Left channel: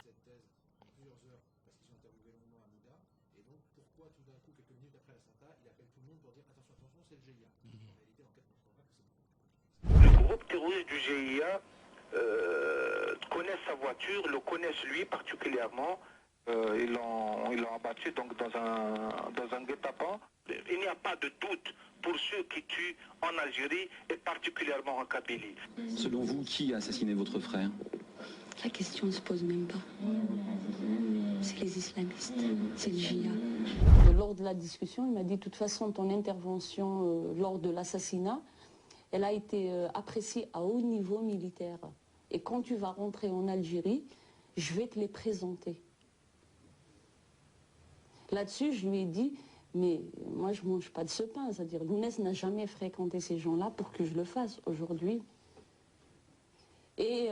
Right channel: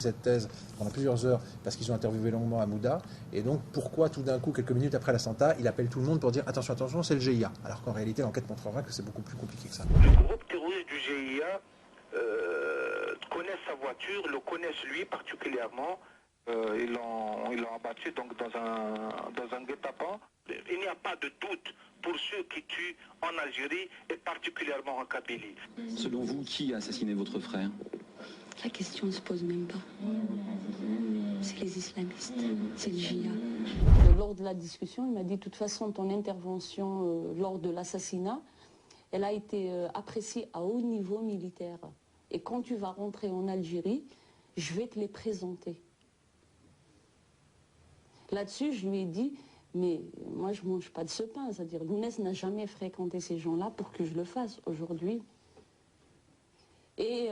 cette thèse pendant plusieurs heures parce qu'ils ont interviewé longuement Hamouda. Et donc, pourquoi tout d'un coup, quelques minutes après l'attentat, il appelle tout le monde pour dire attention, attention, c'est le GIA. Alors qu'en réalité, l'enquête montrera que c'est beaucoup plus compliqué que ça. Le groupe terroriste du GIA connaît sa voiture, le connaissent lui particulièrement. Ils l'ont abattu donc dans un guet-apens. Il n'y a pas de doute pour ceux qui tuent en Algérie et particulièrement en Kabylie. Selon vous, qui a assassiné votre frère? La question ne se pose même pas. C'est les islamistes, c'est le GIA. Lors de la discussion, il m'a dit de toute façon ton intervention lors de l'assassinat, elle a été appréciée à haut niveau militaire. Et quand tu vas rentrer en Algérie, je vais te les présenter. Là-dessus, je lui ai dit, mais moi je ne mange pas de ce pain. C'est-à-dire, Lounès n'a jamais fréquenté ces gens-là pour que je le fasse aujourd'hui. Et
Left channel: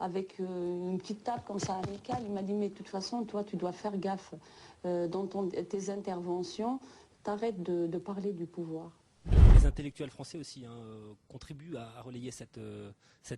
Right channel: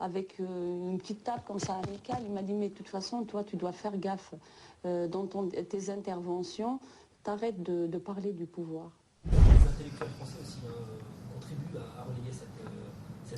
avec une petite tape comme ça amicale, il m'a dit, mais de toute façon, toi, tu dois faire gaffe dans tes interventions, t'arrêtes de parler du pouvoir. Les intellectuels français aussi contribuent à relayer cette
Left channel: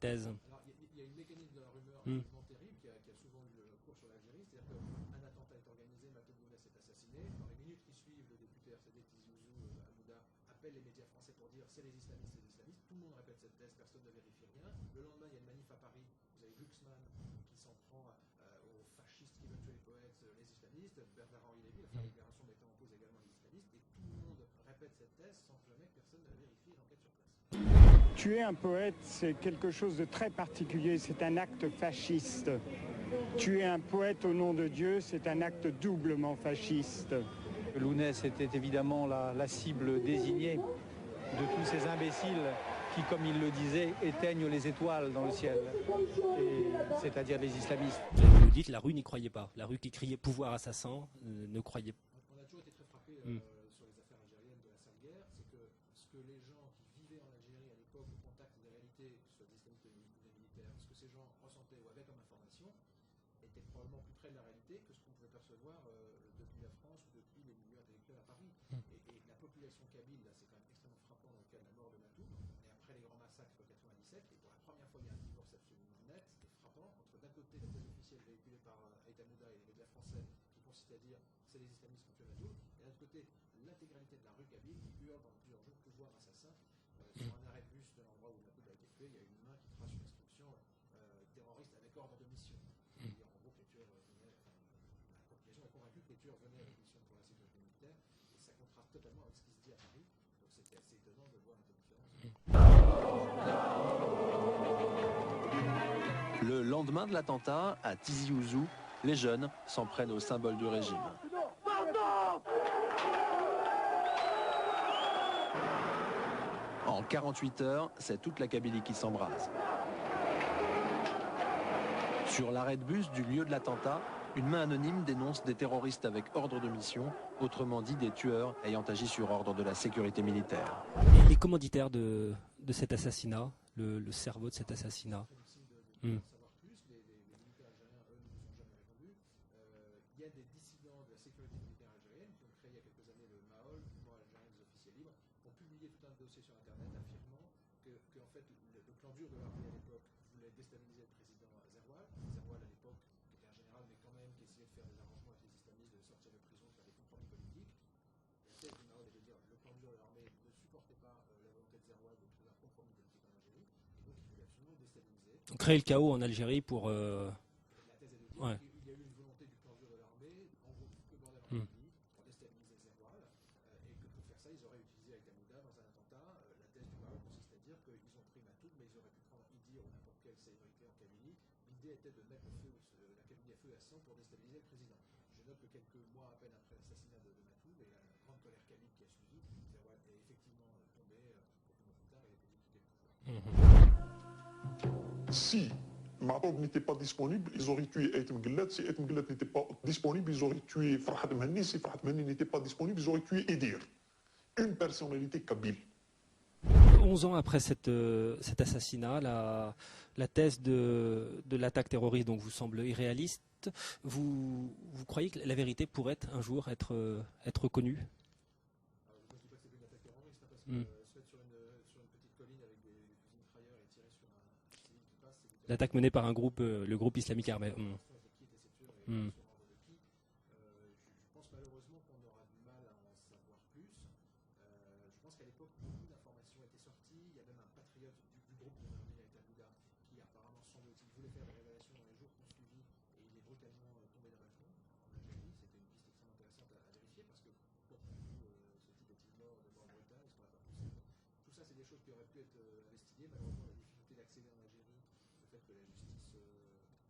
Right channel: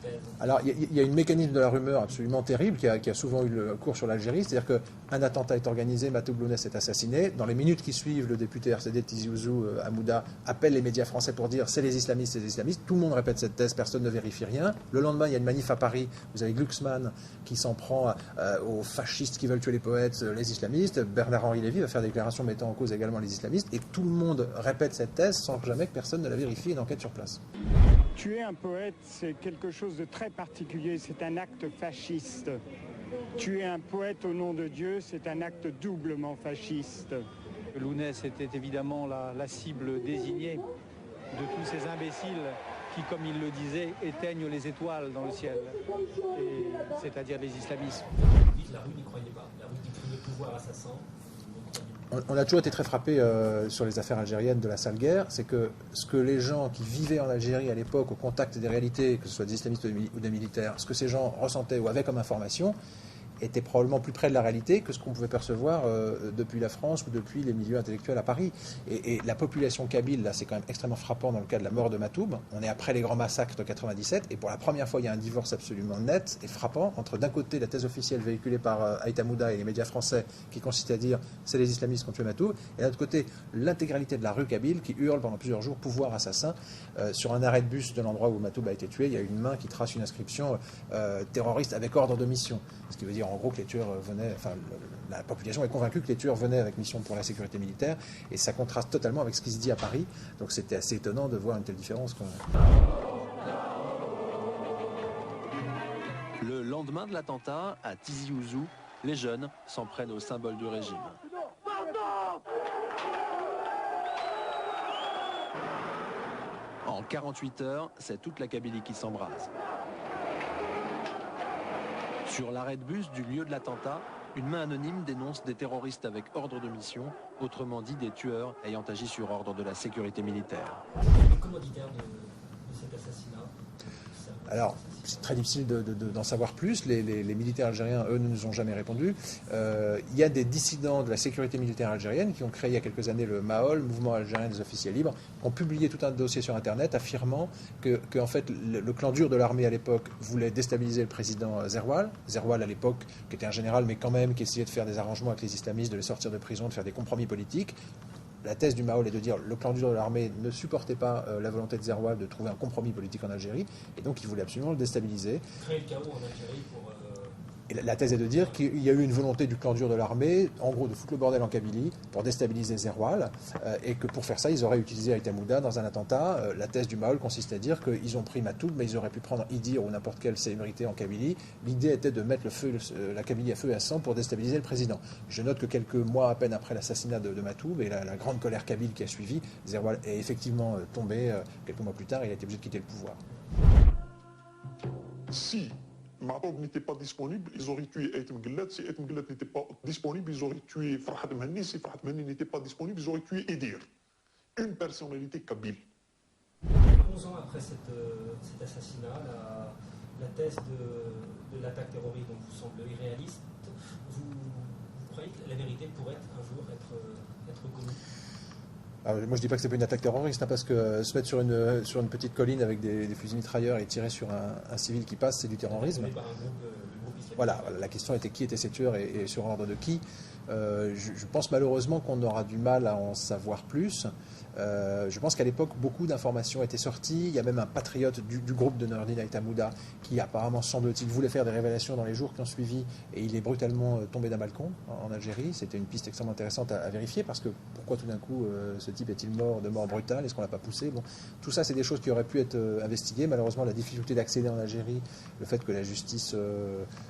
thèse. Alors, il y a un mécanisme de la rumeur absolument terrible qui a souvent eu le cours sur l'Algérie, c'est-à-dire qu'un attentat est organisé, Matoub Lounès est assassiné. Dans les minutes qui suivent, le député RCD Tizi Ouzou Hamouda appelle les médias français pour dire c'est les islamistes, c'est les islamistes. Tout le monde répète cette thèse, personne ne vérifie rien. Le lendemain, il y a une manif à Paris, vous avez Glucksmann qui s'en prend aux fascistes qui veulent tuer les poètes, les islamistes. Bernard-Henri Lévy va faire des déclarations mettant en cause également les islamistes. Et tout le monde répète cette thèse sans jamais que personne ne la vérifie et d'enquête sur place. Tuer un poète, c'est quelque chose de très particulier, c'est un acte fasciste. Tuer un poète au nom de Dieu, c'est un acte doublement fasciste. Lounès était évidemment la cible désignée de tous ces imbéciles qui, comme il le disait, éteignent les étoiles dans le ciel, c'est-à-dire les islamistes. Vous dites la rue n'y croyait pas, la rue qui criait pouvoir assassin ne croyait pas. On a toujours été très frappé sur les affaires algériennes de la sale guerre, c'est que ce que les gens qui vivaient en Algérie à l'époque, au contact des réalités, que ce soit des islamistes ou des militaires, ce que ces gens ressentaient ou avaient comme information, était probablement plus près de la réalité que ce qu'on pouvait percevoir depuis la France ou depuis les milieux intellectuels à Paris. Et la population kabyle, là, c'est quand même extrêmement frappant dans le cas de la mort de Matoub. On est après les grands massacres de 97, et pour la première fois, il y a un divorce absolument net et frappant entre, d'un côté, la thèse officielle véhiculée par Aït Hamouda et les médias français, qui consiste à dire c'est les islamistes qui ont tué Matoub, et de l'autre côté, l'intégralité de la rue kabyle qui hurle pendant plusieurs jours pouvoir assassin. Sur un arrêt de bus de l'endroit où Matoub a été tué, il y a une main qui trace une inscription terroriste avec ordre de mission. Ce qui veut dire en gros que les tueurs venaient, enfin la population est convaincue que les tueurs venaient avec mission pour la sécurité militaire, et ça contraste totalement avec ce qui se dit à Paris. Donc c'était assez étonnant de voir une telle différence. Le lendemain de l'attentat, à Tizi Ouzou, les jeunes s'en prennent au symbole du régime. En 48 heures, c'est toute la Kabylie qui s'embrase. Sur l'arrêt de bus du lieu de l'attentat, une main anonyme dénonce des terroristes avec ordre de mission, autrement dit des tueurs ayant agi sur ordre de la sécurité militaire. Les commanditaires de cet assassinat, le cerveau de cet assassinat. C'est très difficile d'en savoir plus. Les militaires algériens, eux, ne nous ont jamais répondu. Il y a des dissidents de la sécurité militaire algérienne qui ont créé il y a quelques années le MAOL, Mouvement algérien des officiers libres, qui ont publié tout un dossier sur Internet affirmant que en fait, le clan dur de l'armée à l'époque voulait déstabiliser le président Zerwal. Zerwal, à l'époque, qui était un général, mais quand même, qui essayait de faire des arrangements avec les islamistes, de les sortir de prison, de faire des compromis politiques. La thèse du MAOL est de dire que le clan dur de l'armée ne supportait pas la volonté de Zerwal de trouver un compromis politique en Algérie, et donc il voulait absolument le déstabiliser. Créer le chaos en Algérie pour... Et la thèse est de dire qu'il y a eu une volonté du clan dur de l'armée, en gros de foutre le bordel en Kabylie, pour déstabiliser Zerwal, et que pour faire ça, ils auraient utilisé Aït Hamouda dans un attentat. La thèse du MAOL consiste à dire qu'ils ont pris Matoub, mais ils auraient pu prendre Idir ou n'importe quelle célébrité en Kabylie. L'idée était de mettre la Kabylie à feu et à sang pour déstabiliser le président. Je note que quelques mois à peine après l'assassinat de Matoub et la grande colère kabyle qui a suivi, Zerwal est effectivement tombé. Quelques mois plus tard, il a été obligé de quitter le pouvoir. Si Matoub n'était pas disponible, ils auraient tué Aït Mguellat. Si Aït Mguellat n'était pas disponible, ils auraient tué Farhat Mehni. Si Farhat Mehni n'était pas disponible, ils auraient tué Idir. Une personnalité kabyle. 11 ans après cet assassinat, la thèse de l'attaque terroriste donc vous semble irréaliste. Vous croyez que la vérité pourrait un jour être connue ? Alors, moi, je dis pas que c'est pas une attaque terroriste, hein, parce que se mettre sur une petite colline avec des fusils mitrailleurs et tirer sur un civil qui passe, c'est du L'attaque terrorisme. menée par un groupe, le groupe islamique. Voilà, armé. la question était qui étaient ces tueurs et sur ordre de qui. Je pense malheureusement qu'on aura du mal à en savoir plus. Je pense qu'à l'époque, beaucoup d'informations étaient sorties. Il y a même un patriote du groupe de Nordin Aït Hamouda qui apparemment, semble-t-il, voulait faire des révélations dans les jours qui ont suivi et il est brutalement tombé d'un balcon en Algérie. C'était une piste extrêmement intéressante à vérifier parce que pourquoi tout d'un coup ce type est-il mort de mort brutale? Est-ce qu'on l'a pas poussé? Bon, tout ça, c'est des choses qui auraient pu être investiguées. Malheureusement, la difficulté d'accéder en Algérie, le fait que la justice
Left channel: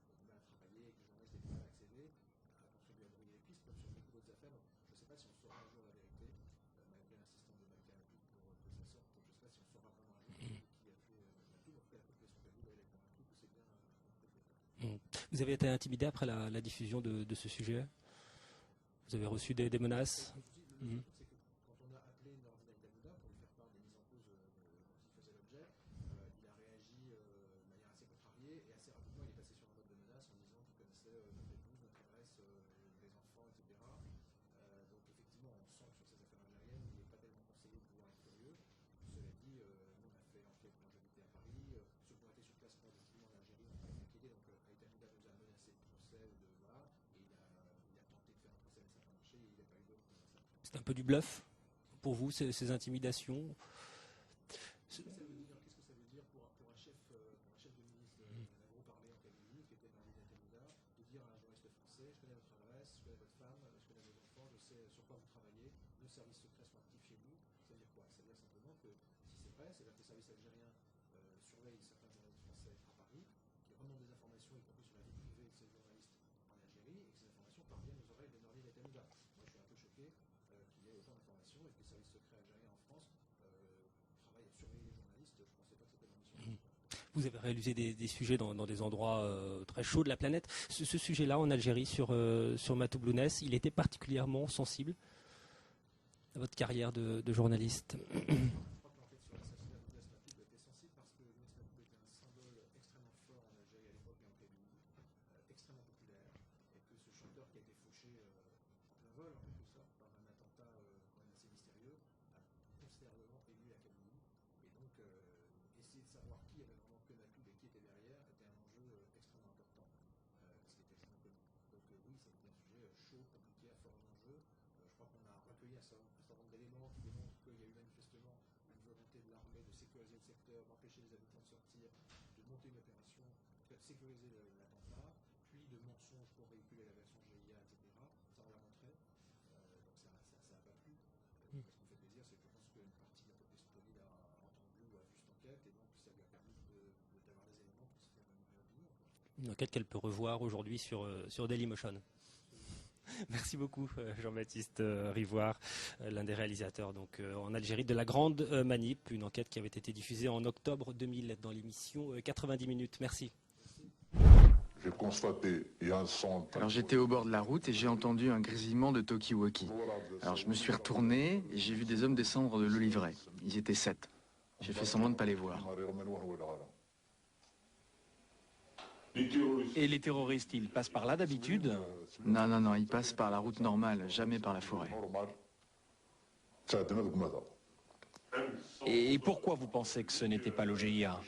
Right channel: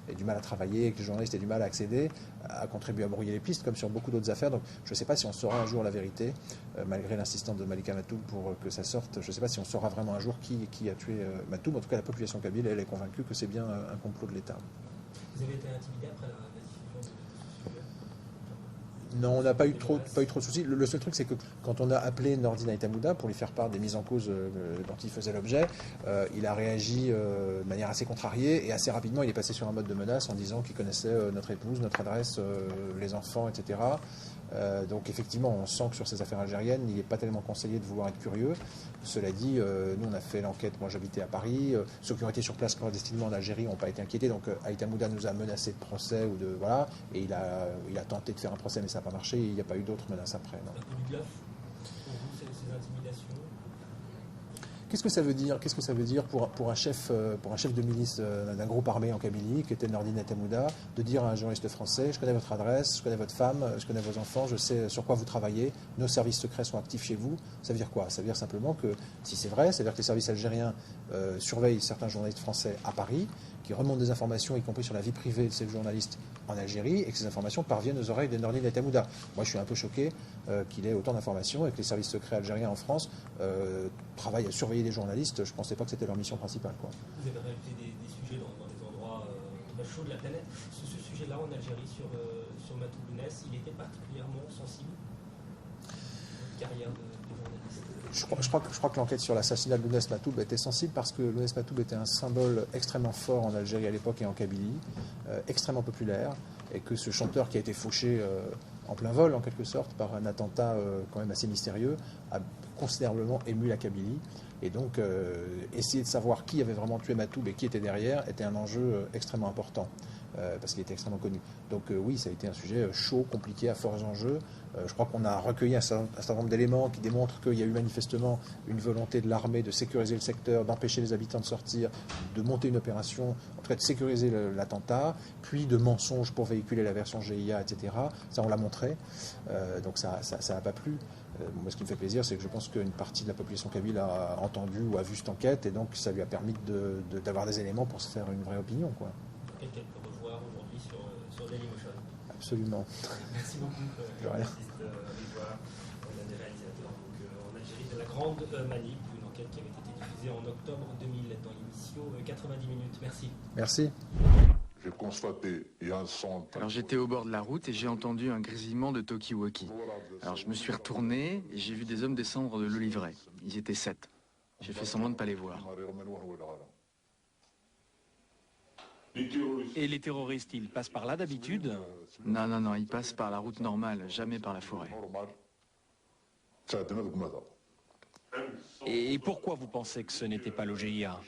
ait du mal à travailler, que les journalistes aient du mal à accéder, a contribué à brouiller les pistes, comme sur beaucoup d'autres affaires. Donc je ne sais pas si on saura un jour la vérité, malgré l'insistance de Malika Matoub pour que ça sorte. Je ne sais pas si on saura vraiment un jour qui a tué Matoub. En tout cas, la population kabyle, elle est convaincue que c'est bien un complot de l'État. Vous avez été intimidé après la diffusion de ce sujet? Non, on n'a pas eu trop de soucis. Le seul truc, c'est que quand on a appelé Nordin Aït Hamouda pour lui faire part des mises en cause dont il faisait l'objet, il a réagi de manière assez contrariée et assez rapidement, il est passé sur un mode de menace en disant qu'il connaissait notre épouse, notre adresse, les enfants, etc. Donc effectivement, on sent que sur ces affaires algériennes, il n'est pas tellement conseillé de vouloir être curieux. Cela dit, nous on a fait l'enquête, moi j'habitais à Paris, ceux qui ont été sur place clandestinement en Algérie n'ont pas été inquiétés, donc Aït Hamouda nous a menacé de procès, et il a tenté de faire un procès mais ça n'a pas marché, il n'y a pas eu d'autres menaces après. C'est un peu du bluff pour vous, ces intimidations? Qu'est-ce que ça veut dire pour un chef de milice d'un groupe armé en Kabylie, qui était Nordin Aït Hamouda, de dire à un journaliste français: je connais votre adresse, je connais votre femme, je connais vos enfants, je sais sur quoi vous travaillez, nos services secrets sont actifs chez vous? Ça veut dire quoi? Ça veut dire simplement que, si c'est vrai, ça veut dire que les services algériens surveillent certains journalistes français à Paris, qui remontent des informations, y compris sur la vie privée de ces journalistes en Algérie, et que ces informations parviennent aux oreilles de Nordin Aït Hamouda. Moi, je suis un peu choqué qu'il ait autant d'informations et que les services secrets algériens en France travaillent à surveiller les journalistes. Je ne pensais pas que c'était leur mission principale, quoi. Vous avez réalisé des sujets dans des endroits très chauds de la planète. Ce sujet-là, en Algérie, sur Matoub Lounès, il était particulièrement sensible, votre carrière de journaliste? Je crois que l'enquête sur l'assassinat de Lounès Matoub était sensible parce que Lounès Matoub était un symbole extrêmement fort en Algérie à l'époque et en Kabylie, extrêmement populaire, et que ce chanteur qui a été fauché en plein vol, en quelque sorte, par un attentat quand même assez mystérieux, a considérablement ému la Kabylie. Et donc, essayer de savoir qui avait vraiment tué Matoub et qui était derrière était un enjeu extrêmement important, parce qu'il était extrêmement connu. Donc oui, ça a été un sujet chaud, compliqué, à forts enjeux. Je crois qu'on a recueilli un certain nombre d'éléments qui démontrent qu'il y a eu manifestement une volonté de l'armée de sécuriser le secteur, d'empêcher les habitants de sortir, de monter une opération, en tout cas de sécuriser l'attentat, puis de mensonges pour véhiculer la version GIA, etc. Ça, on l'a montré. Donc ça n'a pas plu. Moi, ce qui me fait plaisir, c'est que je pense qu'une partie de la population kabyle a entendu ou a vu cette enquête, et donc ça lui a permis d'avoir des éléments pour se faire une vraie opinion, quoi. Une enquête qu'elle peut revoir aujourd'hui sur Dailymotion. Absolument. Merci beaucoup, Jean-Baptiste Rivoire, l'un des réalisateurs en Algérie de La Grande Manip, une enquête qui avait été diffusée en octobre 2000 dans l'émission 90 minutes. Merci. Merci. J'ai constaté, il y a un son. Alors j'étais au bord de la route et j'ai entendu un grésillement de talkie-walkie. Alors je me suis retourné et j'ai vu des hommes descendre de l'Olivret. Ils étaient 7. J'ai fait semblant de ne pas les voir. Et les terroristes, ils passent par là d'habitude? Non, ils passent par la route normale, jamais par la forêt. Et pourquoi vous pensez que ce n'était pas le GIA?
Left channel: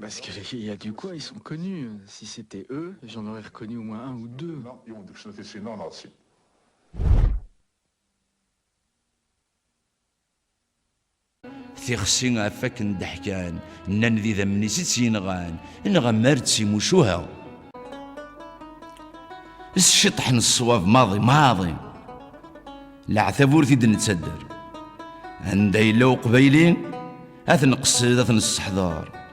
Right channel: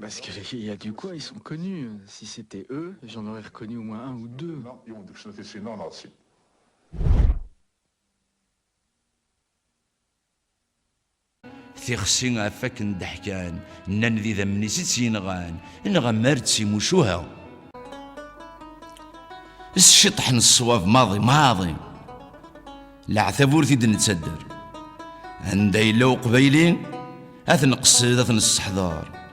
Parce qu'il y a du quoi, ils sont connus. Si c'était eux, j'en aurais reconnu au moins un ou deux. ثيخسي عفاك ندحكان نان ذي ذمني سينغان نغمرت سي مشوها الشطح الصواب ماضي العثابور ثيد نتسدر عندي لو قبيلين اثن قصيد اثن السحضار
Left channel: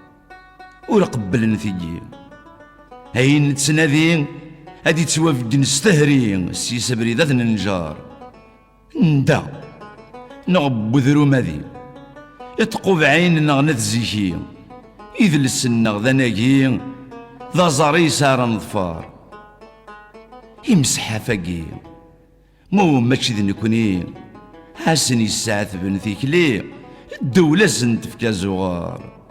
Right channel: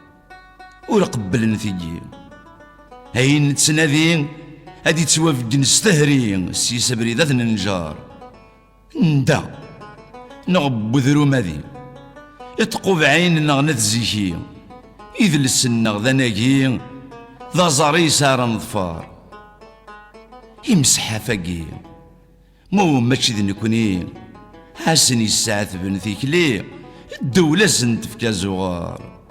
ورقبل نثيجي هاي نتسنادين هادي توافق نستهري سي سبري ذات ننجار ندا نغب ذرو ماذي يتقوب عين نغنت زيكي إذ لسنغ ذناكي ذا زاري سار نظفار يمسح فاقي مو ماشي ذي نكوني حاسني الساعة بن ثيكلي الدولة سنت في كازوغار